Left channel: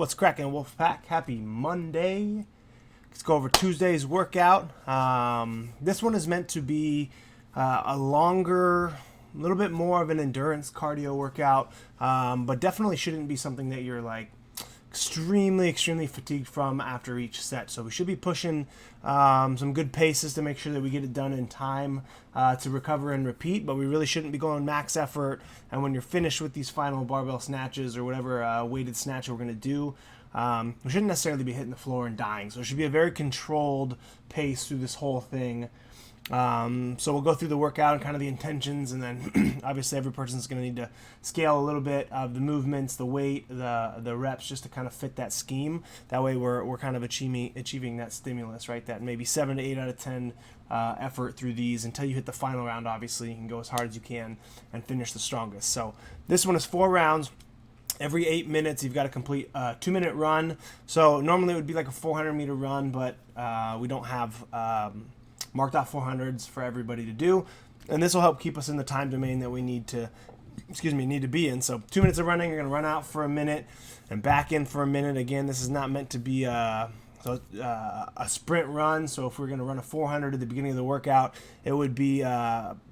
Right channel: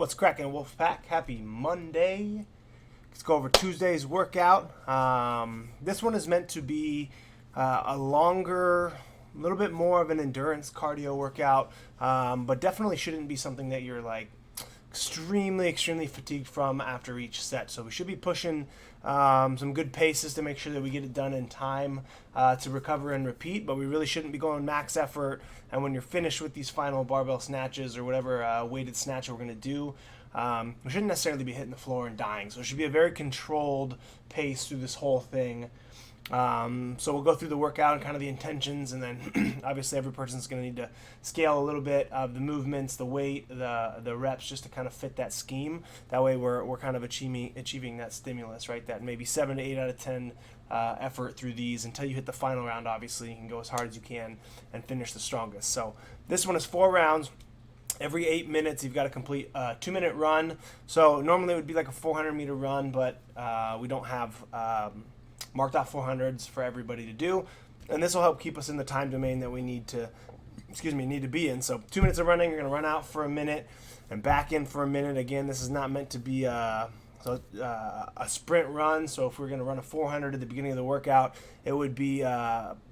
What's cracking, Wolfpack? Happy Monday. Let's go over Tuesday's workout. This one is meant to be a longer, a little bit more of an endurance cardio workout, but definitely shouldn't be something that you're like extremely fatigued from after each set. So we should be pushing some good paces to make sure that we get it done in time to recover and repeat, but we really shouldn't be going max effort. And when you're finished with these final barbell snatches or whatever weighted snatch we're going to do, we shouldn't necessarily be hitting the floor and dying. So it should be a very controlled pace through this whole thing. So we'll go through the workout and kind of the intentions, and then obviously every person's going to need to scale a little bit of the movements, the weight, the reps, just to kind of fit that scheme. That way we're kind of achieving that stimulus, right? That maybe 7 to 8 out of 10 effort through these until you hit the final round. Obviously you can go as hard as you can and finish the strongest. So this one is 4 rounds. Every 8 minutes, you've got to complete a 2-minute run. So normally it would be like a 400-meter run, but we don't have marked off 400s for everybody to do, and this will help keep us in the time domain that we need to be in. So 2 minutes of running, you're going to run out for a minute and back in for a minute. Again, this is not meant to be a sprint run. So if we're going to run a 400 at the beginning of the workout, it would be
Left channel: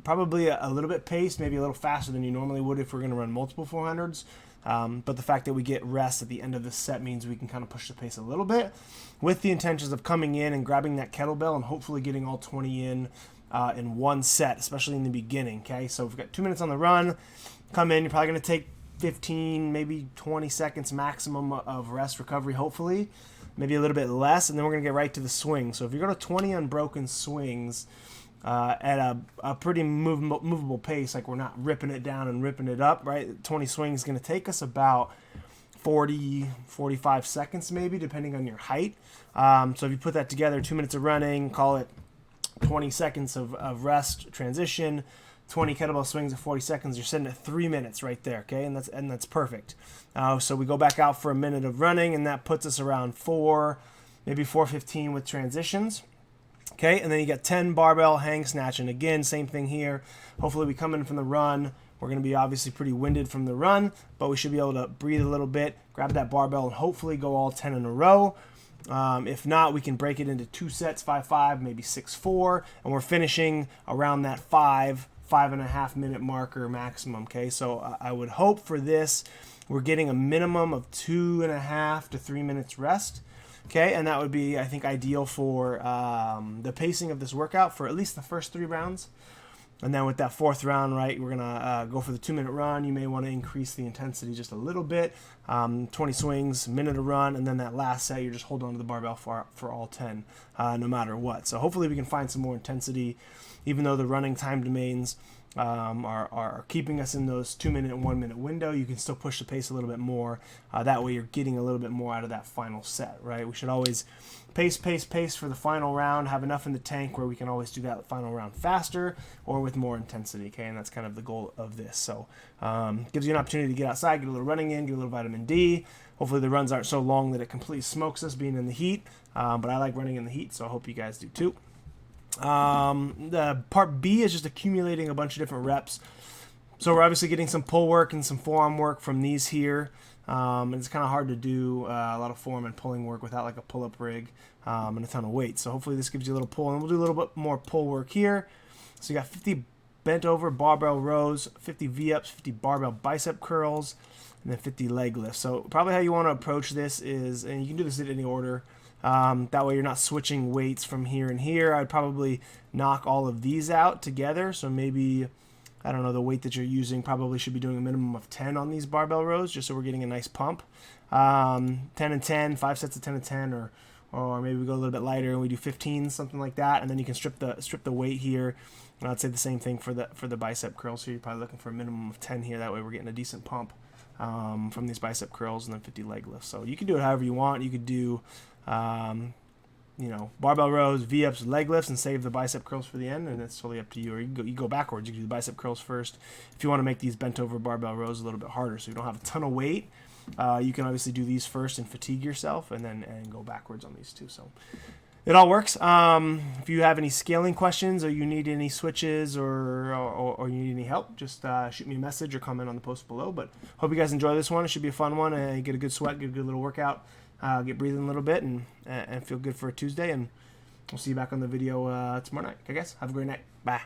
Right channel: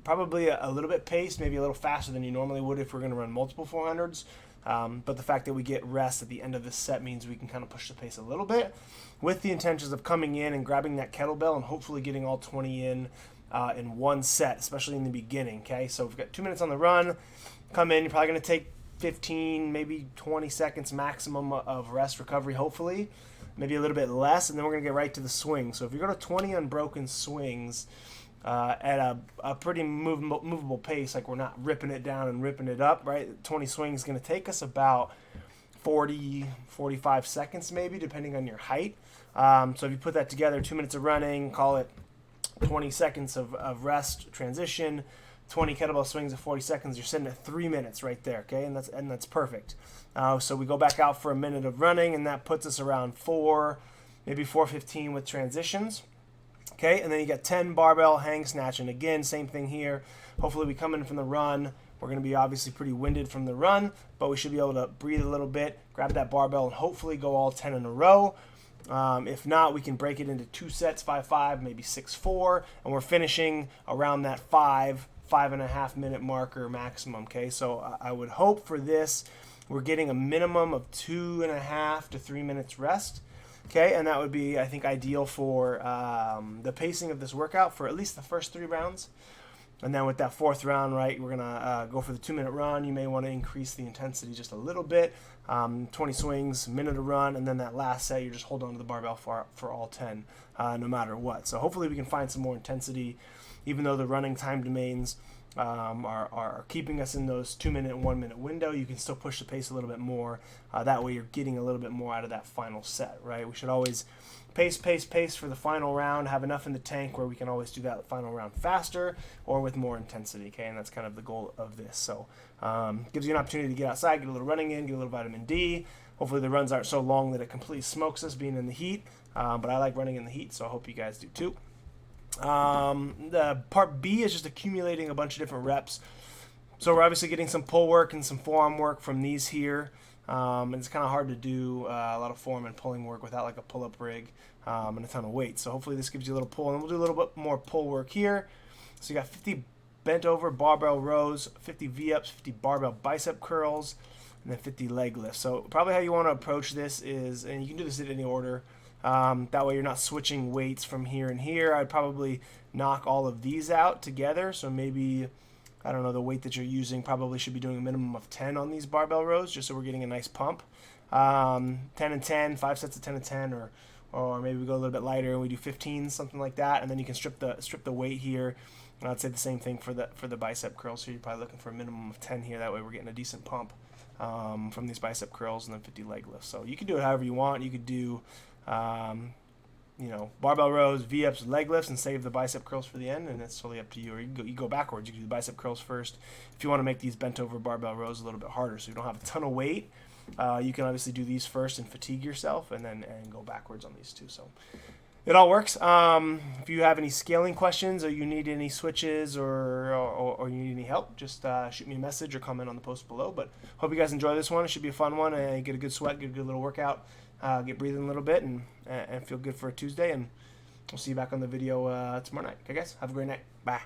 probably a little bit paced, maybe a little faster than you normally would if we're going to run multiple 400s. But the fact that we get rest at the end of the set means we can kind of push the pace a little bit with the intentions of coming in and grabbing that kettlebell and hopefully getting all 20 in one set, especially in the beginning. Okay, so we've got 2 minutes on the run. Come in, you're probably going to take 15, maybe 20 seconds maximum of rest recovery, hopefully, maybe a little bit less, and then we're going to get right to the swing. So if you go to 20 unbroken swings at a pretty movable pace, like we're not ripping it down and ripping it up, right? 20 swings is going to take us about 45 seconds maybe, depending on your height. So if you put that together, 2 minutes of running, call it 20 seconds of rest transition, 20 kettlebell swings at 40 seconds, you're sitting at 3 minutes right there, okay? And that's perfect. So we go back out for a minute of running, and that puts us around 4, maybe 4:15 with transitions. Okay, and then you got 10 barbell hang snatch, and again, same thing here. Hopefully we come in from the run. We're going to be obviously pretty winded from the run, but we should be able to breathe a little bit, grab that barbell, and hopefully go all 10 in a row. If not, we can break it into 2 sets, 5-5, maybe 6-4, and we're finishing around that 5.5 minute marker maximum. Okay, so I would hope for this we're getting a minimum of 2.5 to 3 minutes rest. Okay, and that would be, I think, ideal for the pacing of this workout for at least the first 3 rounds. And then with that 4th round, right, we're going to go for the 2-minute run. You may want to increase the intensity just a little bit. 20 swings, minute of run, and then that last set, you're just holding on to the barbell for all 10, no matter what. So hopefully we can find some more intensity, even though the running time domains are keeping us in those 2-minute and 1-minute window. You can still push the pace a little bit more. That way you're getting a little bit more out of that final set, right? We should always pace for the final round, have enough in the tank where we can always do that final round faster or with more intensity, okay? And that's kind of the goal of this. So gives you an opportunity to get outside, get a little running in, get a little vitamin D. Hopefully the runs aren't so long that it completely smokes us being in the heat, but I like running in the heat, so I hope you guys do too. The part B is just accumulating a bunch of different reps. So we're obviously getting some pull work and some forearm work from these here. And it's kind of hard to do a lot of forearm and pulling work without like a pull-up rig and a ton of weight. So hopefully this gives you a little pull, and we'll do a little bit more pull work here. So you got 50 bent over barbell rows, 50 V-ups, 50 barbell bicep curls, and then 50 leg lifts. So probably how you want to approach this is, and you can do this in any order, that way you're not switching weights from here and here. I'd probably knock all of these out together. So maybe, I don't know, the weight that you're using probably should be doing a minimum of 10 on these barbell rows, just so we're getting a nice pump. 10 and 10, 5 sets of 10 and 10, or maybe we go a little bit lighter and we do 15, something like that. And then you can strip the weight here. And I'd say the same thing for the bicep curls. So you're probably looking for a minimum of 10 here. That way we're getting a decent pump from these bicep curls, and then 50 leg lifts. So you can do it however you want. You could do barbell rows, V-ups, leg lifts, and save the bicep curls for the end, and it's totally up to you. Or you go backwards. You can do the bicep curls first if you want to make these bent over barbell rows a little bit harder, so you don't have a ton of weight. You can obviously do these first and fatigue yourself, and then go backwards on these two. So it all works. If you have any scaling questions or you need any switches or you need any help, just shoot me a message or comment on the post below. But hope you guys enjoy this one. It should be a fun one, and get a good sweat, get a good little workout, get breathing a little bit, and feel good for a Tuesday. And we'll see you back on the video tomorrow night. Okay, guys? Have a great night. Bye.